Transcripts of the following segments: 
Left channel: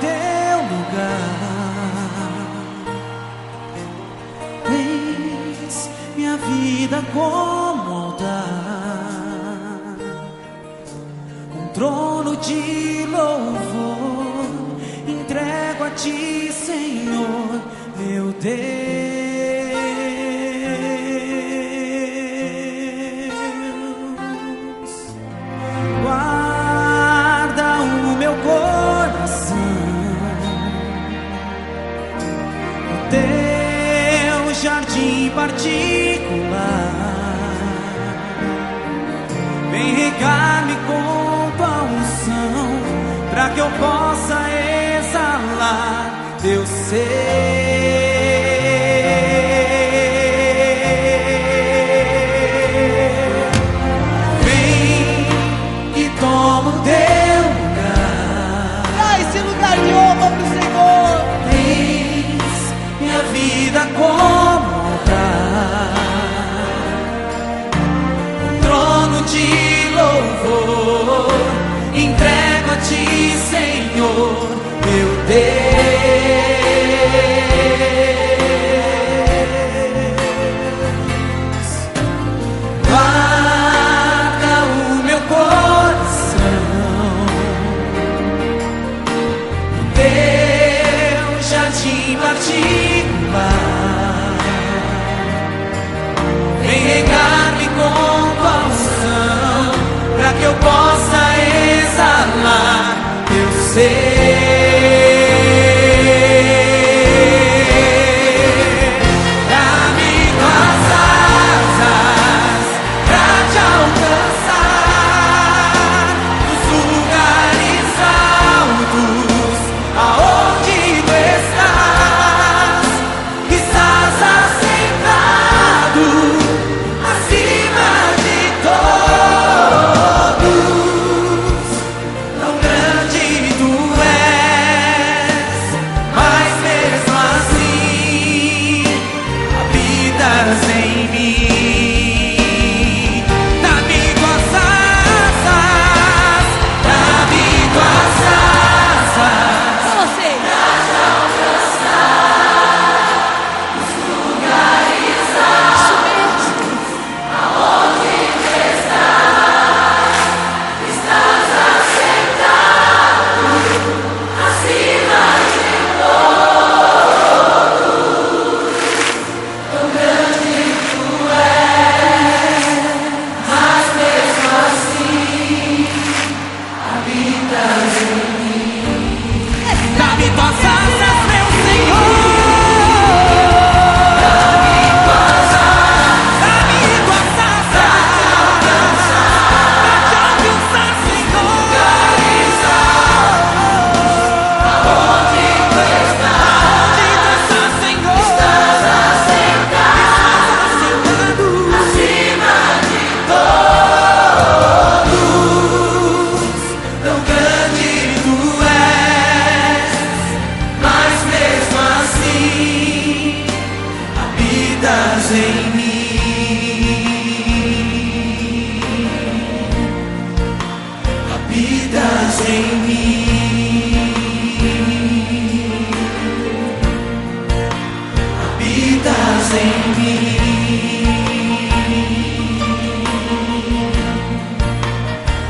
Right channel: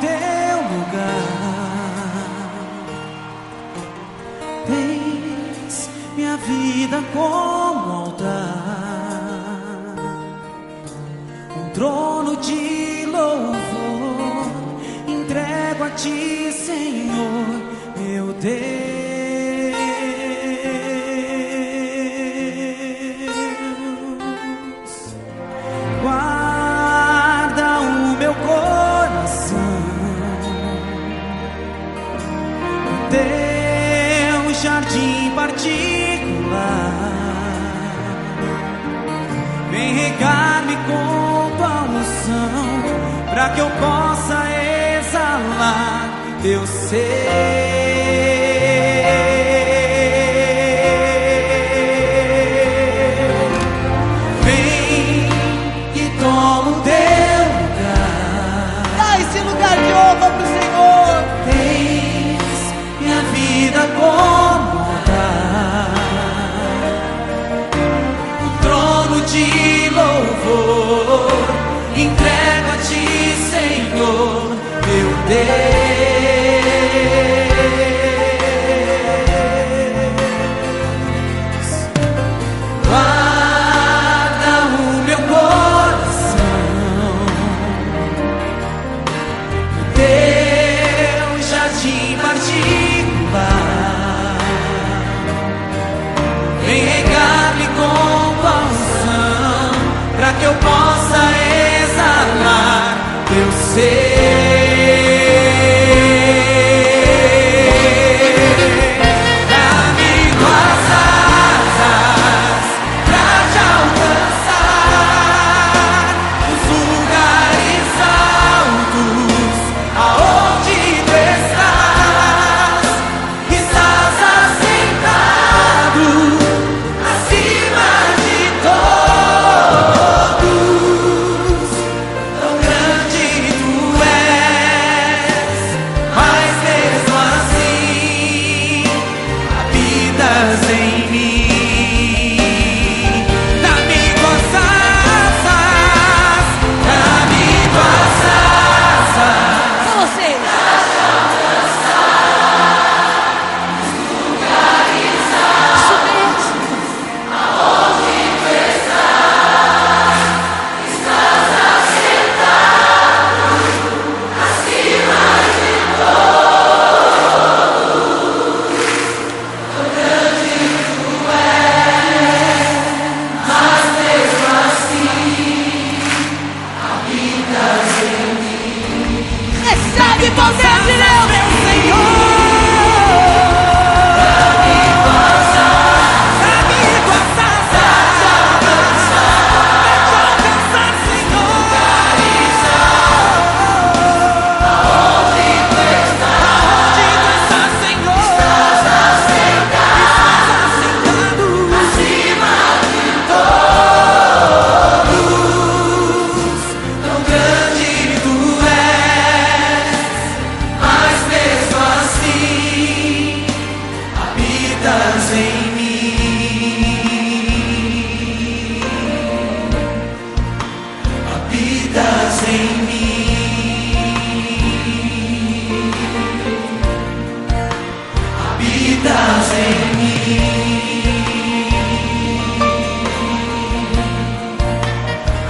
teu lugar. Tens minha vida como altar, um trono de louvor. Entrego a ti, Senhor, meu Deus. Guarda o meu coração no teu jardim particular. Vem regar-me com tua unção, pra que eu possa exalar teu ser. Vem e toma o teu lugar. Dá esse lugar de honra pro Senhor. Tens minha vida como altar, um trono de louvor. Entrego a ti, Senhor, meu Deus. Guarda o meu coração no teu jardim particular. Vem regar-me com tua unção, pra que eu possa exalar teu ser. Dá-me tuas asas pra te alcançar nos lugares altos, aonde tu estás. Estás assentado acima de todos. Tão grande tu és, mas mesmo assim habitas em mim. Dá-me tuas asas, dá-me tuas asas. Só vocês. Isso mesmo. Dá-me tuas asas, meu Senhor. Dá-me tuas asas pra te alcançar, Senhor. Aonde tu estás, Senhor? Estás assentado acima de todos. Tão grande tu és, mas mesmo assim habitas em mim. Habitas em mim. Habitas em mim.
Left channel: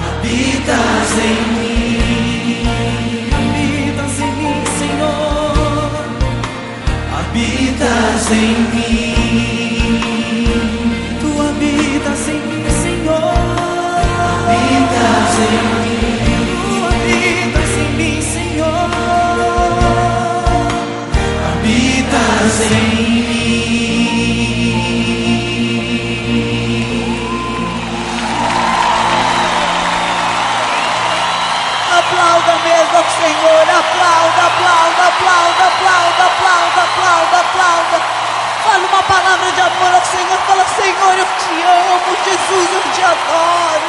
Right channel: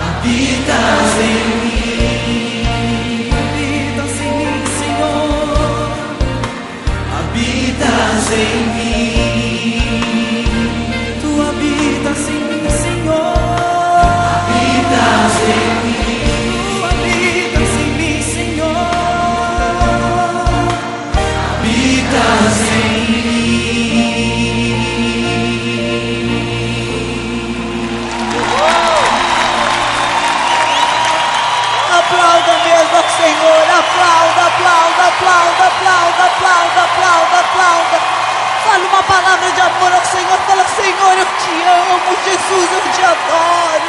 Habitas em mim. Habitas em mim, Senhor. Habitas em mim. Tu habitas em mim, Senhor. Habitas em mim. Tu habitas em mim, Senhor. Habitas em mim. Aplauda mesmo ao Senhor. Aplauda, aplauda, aplauda, aplauda, aplauda, aplauda, aplauda. Fala uma palavra de amor ao Senhor. Fala: Senhor, eu te amo. Jesus, eu te adoro.